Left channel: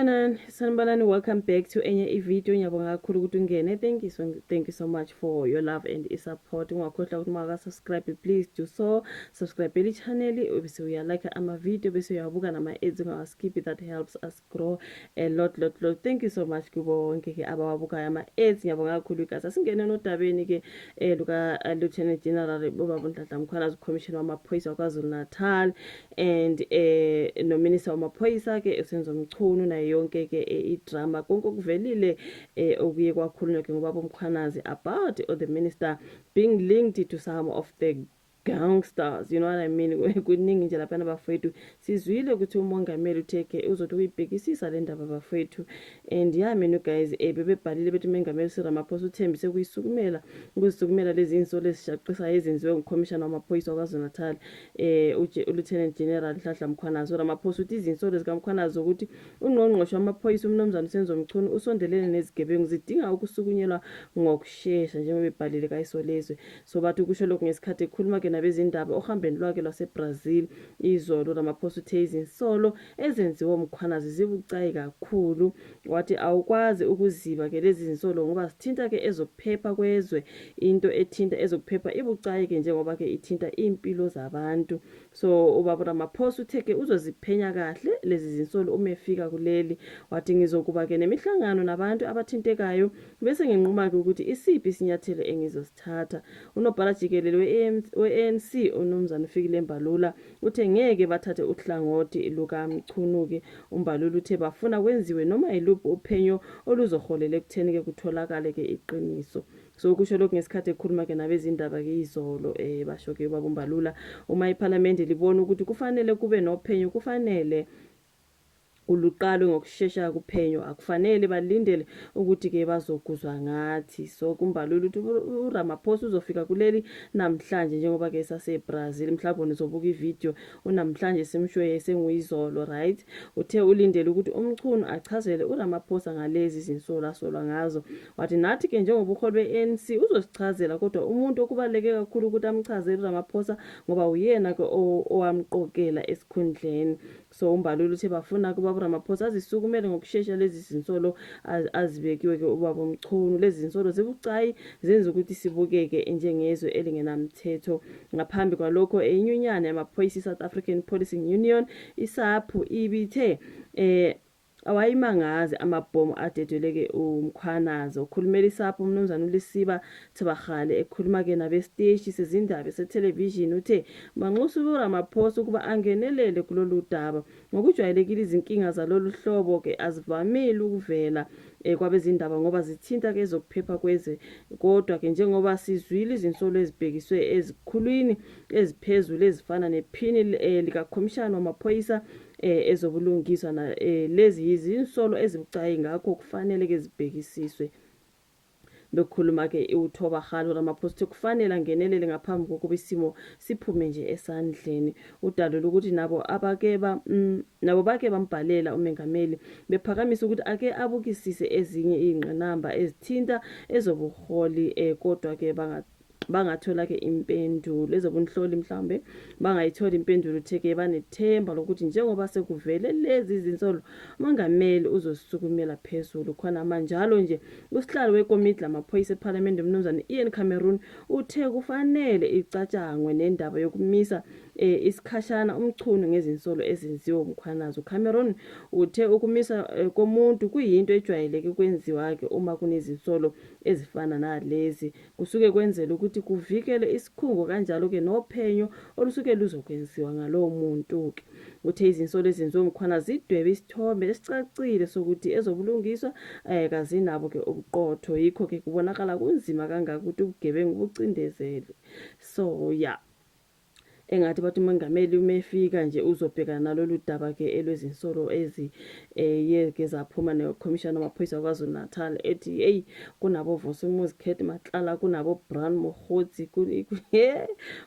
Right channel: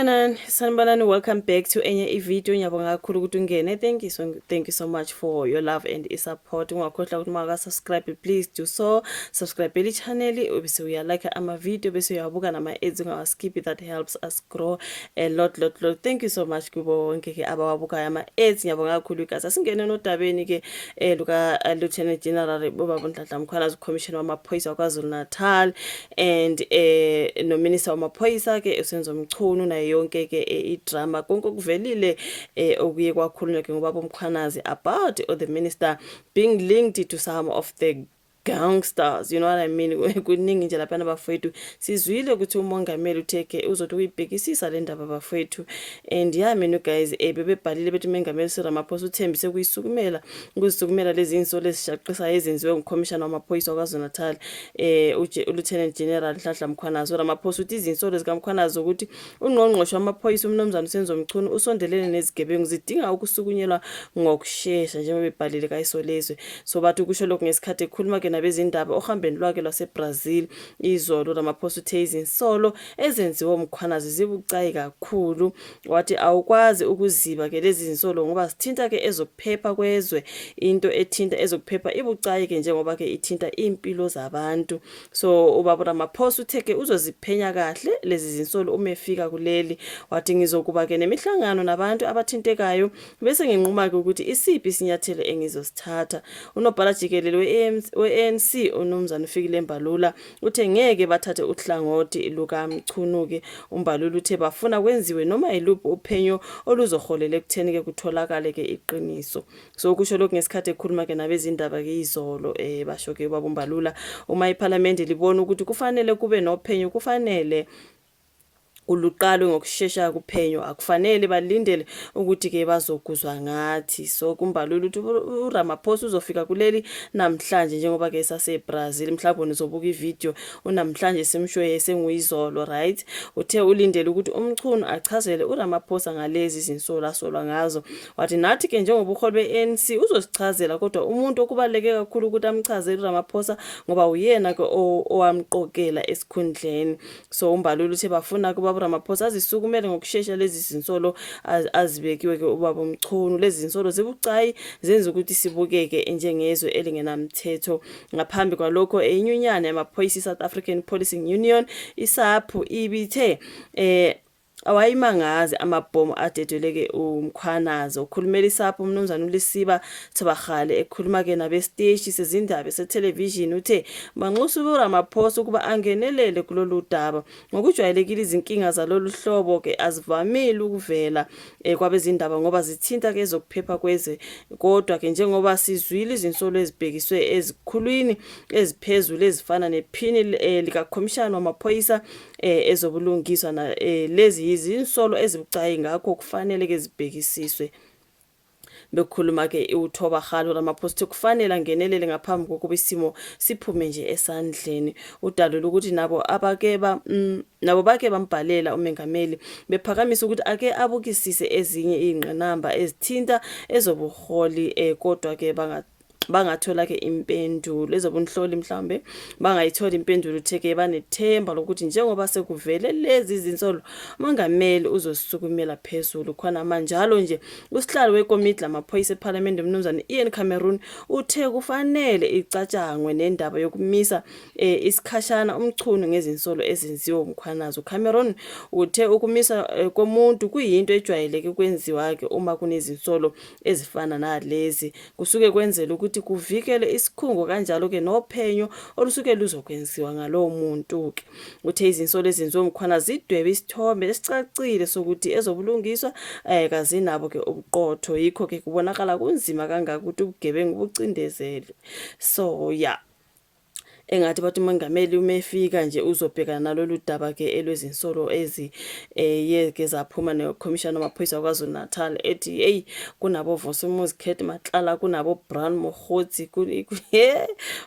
Sanibonani, welcome back to enye video. Ngiyabonga kakhulu ukuthi ungene. Thank you so much for your love and support. Ungakhohlwa ukuthi maka subscribe, please do so. Subscribe eli channel bese uya like ama video bese uyabuka nama ads ungawaskip. That helps us grow a lot. Thank you so much kubo wonke ke abawabuka ama ads. Ngiyabonga kakhulu guys. Asingene nodabeni ke luka Lieutenant General Bobaba Nhlanhla Mkhwanazi, Commissioner wamaphoyisa kwaZulu Natal, and no Minister wamaphoyisa ke uSenzo Mchunu na yonke ke idrama konke kuvelile okuye kwakhulunywa ke ngobaba uMkhwanazi about the minister being linked to some of the gangsters, you know what I mean. Kuningi nje lapha nabafowethu sizwile ukuthi umongameli utheke uzothi uyibhekisisa le ndaba abafowethu, and mina guys bebebhalile bethi umongameli Ramaphosa uthembise ukuzisukumela lezi insolo ezishaqisa ezenziwe ngumcommissioner wamaphoyisa kwaZulu Natal uLieutenant General Nhlanhla Mkhwanazi. Ramaphosa uthi izinsolo zikaMkhwanazi ukuthi ungqongqoshe wamaphoyisa umnomzana uSenzo Mchunu usondelene nezigebengu zidinga ukusukunyelwa ngokusheshsha njengoba bebhalile kayisolezwe. So bathi kusho lokho ngesikhathi ekhuluma ke nabezindaba ohambeni lwakhe lwaseBrazil izolo. Ramaphosa uthe izinsolo ezenziwe uMkhwanazi zibucayi kakhulu, wathi awukwazi ukuziba ke lezi zinsolo ngoba sithinta ke ezokuphepha kwezwe. Into ethinta ezokuphepha ibucayi ke njengoba ke ithinta impilo zabantu. So ubaba Ramaphosa uthe ke uzoziphenya kahle lezi zinsolo uma efika kuleli, wathi ngizokuba ke nemihlangano nabantu abathintekayo bese nginquma ke ukuthi isiphi isinyathelo engizosithatha. Unobhala jikelele we-ANC uNomzana Fikile Mbalula uthe ngeke bathathe uhlangothi luka Mchunu ke. uMbalula uthe bafuna kwenziwe noma yiluphi uphenyo oluzoholela ekutheni ke kutholakale ke iqiniso. So kusho lokho ngesikhathi ekhuluma ke nabezindaba ke izolo basho ke ubaba uMbalula uma iParliament libona ukuthi kufanele kube nophenyo kufanele uluqalwe ngokusheshsha kuphenyo, akufanele balindele ukuthi ke bazokuzwa ngathi. So kuMbalula ukuthi uRamaphosa uzofika kuleli namhlanje njengoba ke saseBrazil. Mhlawumbe nizobuka ivideo unamhlanje simshoye senguyizolo, right? Uthe ulindele ukuthi uMchunu achazele uRamaphosa ngalezi zinsolo asolwa ngazo. Wathi nathi ke njengoba uHoli beANC uzosichazela, kodwa umuntu okubaleke kakhulu ukuthi amchazele uRamaphosa ngoba uyena ke owamqokela esikhundleni. So uMbalula uthe bafuna kuba Ramaphosa azisukumele ngokusheshsha lezi zinsolo azibekiwe ke ubaba uMchunu. Lezi zinsolo zibucayi zenza ukuthi sibukeke njengezwe elingenamthetho. Ngaphambi kwalokho inyunyana yamaphoyisa South African Policing Union isapho ibithe awayimangazi amabhomu adedweleke uMkhwanazi. Ukhulumela isapho umnumzana uLisiba Thabagale ekhuluma ke nabesiteshi sezindaba setelevision uthe manxusa uRamaphosa ukuba angenelele kulolu daba. Ngokujwayelekile izinkinga zalolu hlobo ke azivamile ukuvela kwabezindaba ngoba zithinta ke ezokuphepha kweze, kodwa ke njengoba sizwile izinsolo ezibhekiswe ezikhulwini eziphezulu ezifana nephini lika commissioner wamaphoyisa ezobulungiswa na lezi izinsolo ezibucayi, ngakho kufanele ke zibhekisiswe. Bekhuluma ke uThobagale Ramaphosa kufanele angenelele ngaphambi kokuba isimo siphume nje esandleni. Udalula ukuthi nabo bake bambhalela umengameli bephakamisa ukuthi ake abukisise ezinye izingqinamba ezithinta ezobuholi, kodwa ke bangathola ke impendulo ezobunhloli, mhlambe bangayithola impendulo. Utheke banethemba lokuthi njengoba sekuvele lezi zinsolo umongameli uzosisukumela phezulu. Khona manjalo nje usihlalo wekomiti lamaphoyisa eParliament umnumzana Ian Cameron uthe kufanele icatshangwe nendaba yokumisa isikhashana uMchunu ngezinsolo ezenziwe uMkhwanazi. uCameron uthe ukumisa komuntu kuyinto ejwayeleke ukwenziwa ke uma kunezinsolo ezifana nalezi, kusuke kwenzela ukuthi kuvikele isikhungo kanjalo ke nophenyo olusuke luzokwenziwa ngalowo muntu ke. Uthe izinsolo ezenziwe uMkhwanazi zidwebe isithombe esicacile sokuthi ezobulungiswa kazinabo ke ubuqotho, yikho ke kubonakala kunzima kangaka ukuthi ubugebengu bucindezele. So yeah, engathi bathi umongameli umefika nje uzobhekana nalolu daba ke elwezinsolo yeke zaphuma neCommissioner wamaphoyisa kwaZulu Natal ethi hey kunabo Vosumuzi Khet Matlala kunabo Brown Mogotsi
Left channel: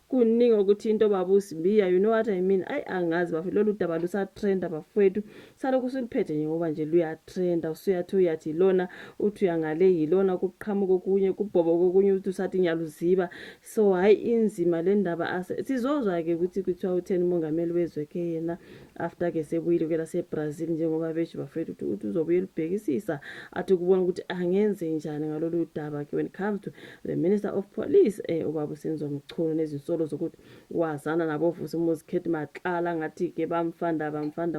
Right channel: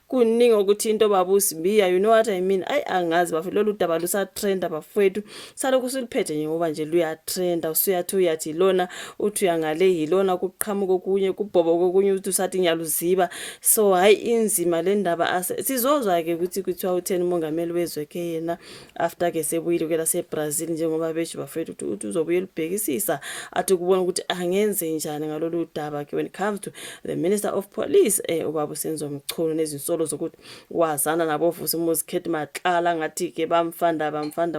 kuningi ukuthi into babusibiya, you know what I mean. Angazi bafike lolu daba lusa trend abafowethu salokhu siliphethe nje ngoba nje luya trend. Usuyathi uyathi lona uthi uyangale yilona kuqhamuka okunye kubhobo kokunye uthi usathi ngiyaluziba. So hayi inzima le ndaba sizozwa sizwa-ke ukuthi kuthiwa utheni umongameli wezwe-ke yena after-ke sebuyile kwela seBrazil njengoba besho bafethu ukuthi uzobuyela ubhekisisa athi ukubona ukuthi angenze njani ngalolu daba-ke when it comes to the Minister of Police ubaba uSenzo Mchunu nezinsolo zokuthi wazana nabo Vusumuzi Khet Matlala ngathi-ke bamfanda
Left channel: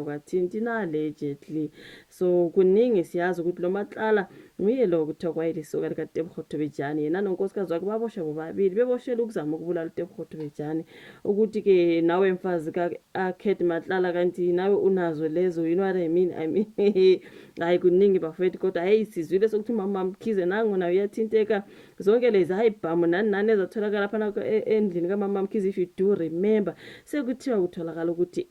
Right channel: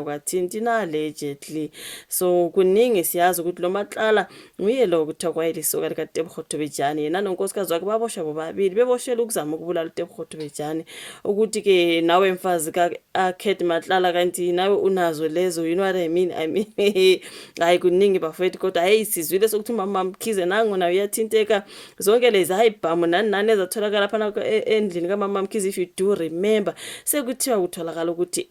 kwathinti allegedly. So kuningi siyazi ukuthi lo Matlala nguye lo kuthiwa kwayelisoka likaTebogo Thobejane yena nonkosikazi wakhe baboshwa bobabili beboshela ukuzama ukubulala uTebogo Thobejane ukuthi-ke nawe mfazi Khet Matlala kanti nawe unazo lezo, you know what I mean hayi kuningi bafethu kodwa hayi sizwile sokuthi umama Mkhize nangu nawe uyathinteka zonke lezi hayi bhamu nani ezatholakala phana endlini kamama Mkhize. If you do remember sekuthiwa kutholakala ukuthi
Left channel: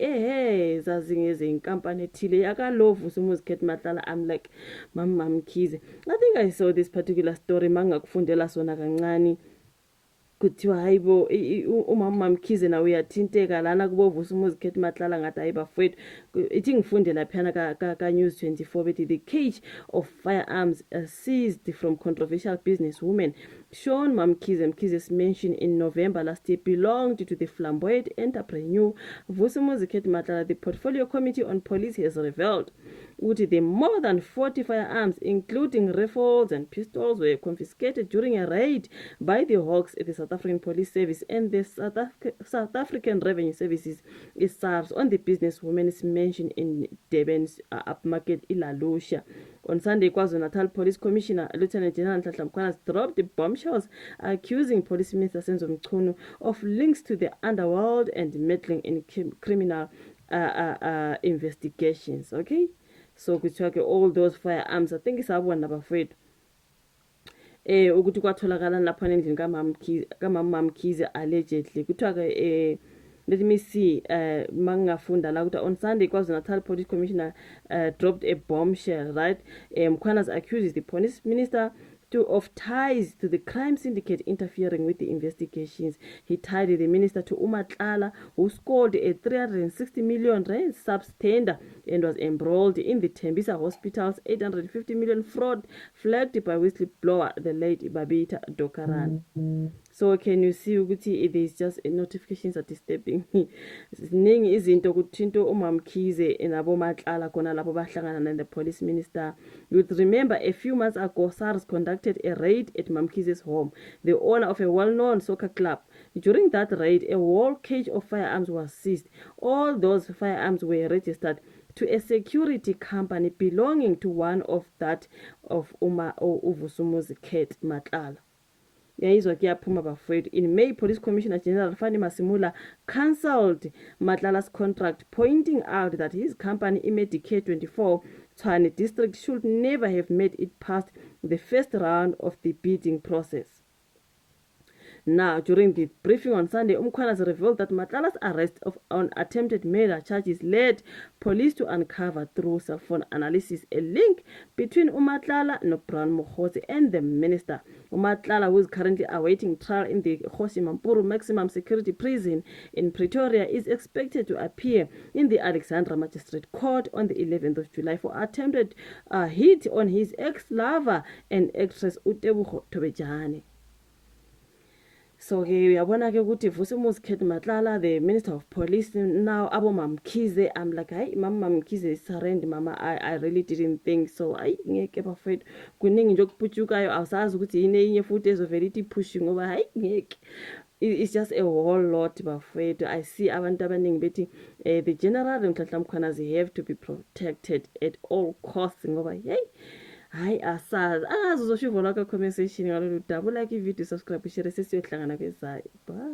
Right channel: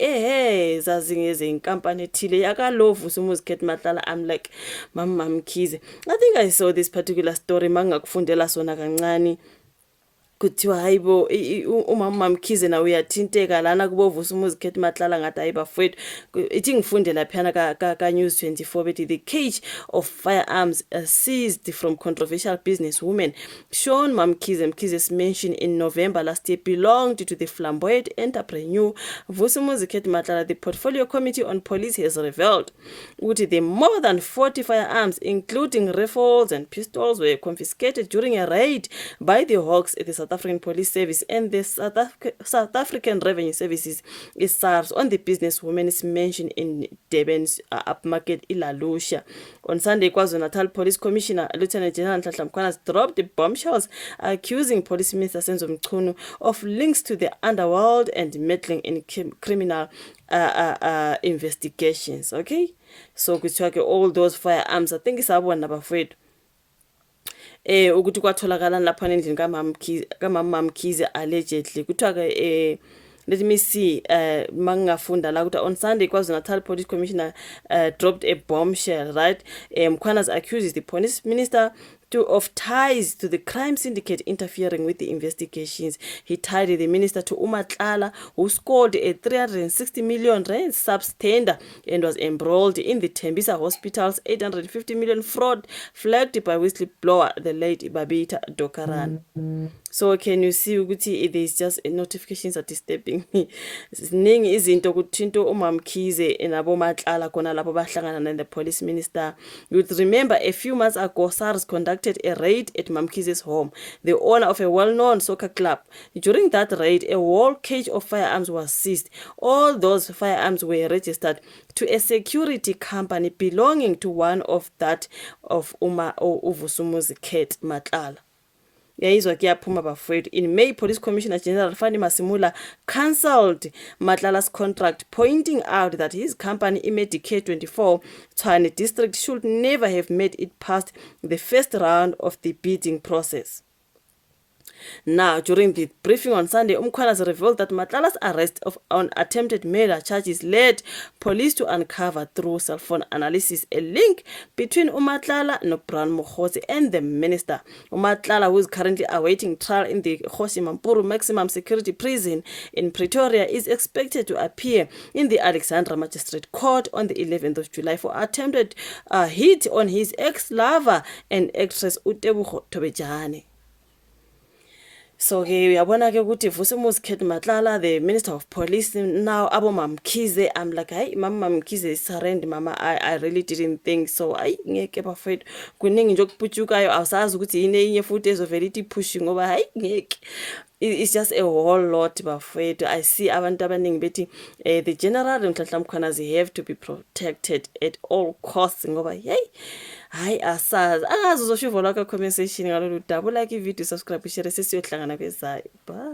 zazi ngeze inkampani ethile yakalovu Vusumuzi Khet Matlala. I'm like mama Mkhize, I think I saw this particular story mangakufundela sona kancane kuthiwa hayibo umama Mkhize na uyathinteka lana kubo Vusumuzi Khet Matlala ngathi hayi bafethu ithi ngifunde laphana ka News 24 bethi the cage of firearms seized from controversial businesswoman Shaun Mkhize's mention in November last year belonged to the flamboyant entrepreneur Vusumuzi Khet Matlala. The Portfolio Committee on Police has revealed ukuthi the more than 40 firearms including rifles and pistols were confiscated during a raid by the Hawks at the South African Police Service and the South African Revenue Services SARS on the businesswoman's mention in Durban's upmarket Ilalusha. On Sunday, KwaZulu-Natal Police Commissioner Lieutenant General Nhlanhla Mkhwanazi dropped the bombshells accusing Police Minister Senzo Mchunu of links to the underworld and meddling in criminal investigations. Okay, so kuthiwa all those firearms, I think isabona bafethu ukuthi kwatholakala lapha endlini kamama Mkhize allegedly kuthiwa let me see mangafunda la ukuthi on Sunday KwaZulu-Natal Police Commissioner dropped a bombshell, right? Mkhwanazi accuses the police minister of ties to the crime syndicate interfering with the investigations. He tied the minister to uMatlala, who scored a 360 million rand substandard and was embroiled in the Tembisa Hospital's 850 million fraud flagged by whistleblower the late Babita Dokaran. So can you see ukuthi there is just notifications are disturbing me. Ziningi izinto ukuthi into umama Mkhize nabo Matlala khona lapho bahlangana and the police minister. You would remember a few months ago SARS conducted a raid at Mamkhize's home, the owner of a well-known soccer club. During that raid, a whole cage of firearms was seized. All those firearms were registered to a security company belonging to one of that of Vusumuzi Khet Matlala. In May, Police Commissioner General Fani Masimula cancelled Matlala's contract, pointing out that his company, Imedicare 24, Tshwane District, should never have made it past the first round of the bidding process. Now, during the briefing on Sunday, Mkhwanazi revealed that Matlala's arrest on attempted murder charges led police to uncover through cell phone analysis a link between uMatlala, Nobran Mokhosi, and the minister. uMatlala, who is currently awaiting trial in the Kgoshi Mampuru Maximum Security Prison in Pretoria, is expected to appear in the Alexandra Magistrate Court on the 11th of July for attempted hit on his ex-lover and actress uTebogo Thobejane. So uyabona ke ukuthi Vusumuzi Khet Matlala, the Minister of Police, now abo Mkhize, I'm like hayi mama Mkhize surrender mama, I really didn't think so. Hayi ngeke bafethu kuningi nje okuphutshukayo awusazi ukuthi yini enye futhi ezovela ithi pushing ngoba hayi ngeke. It's just a whole lot bafethu. I see abantu abaningi bethi the general Nhlanhla Mkhwanazi have to be protected at all costs ngoba hey hayi asazi uzoshiva la ka comment section ngalolu daba, like i video, subscribe, share, sesiyohlangana kwezayo. Bye.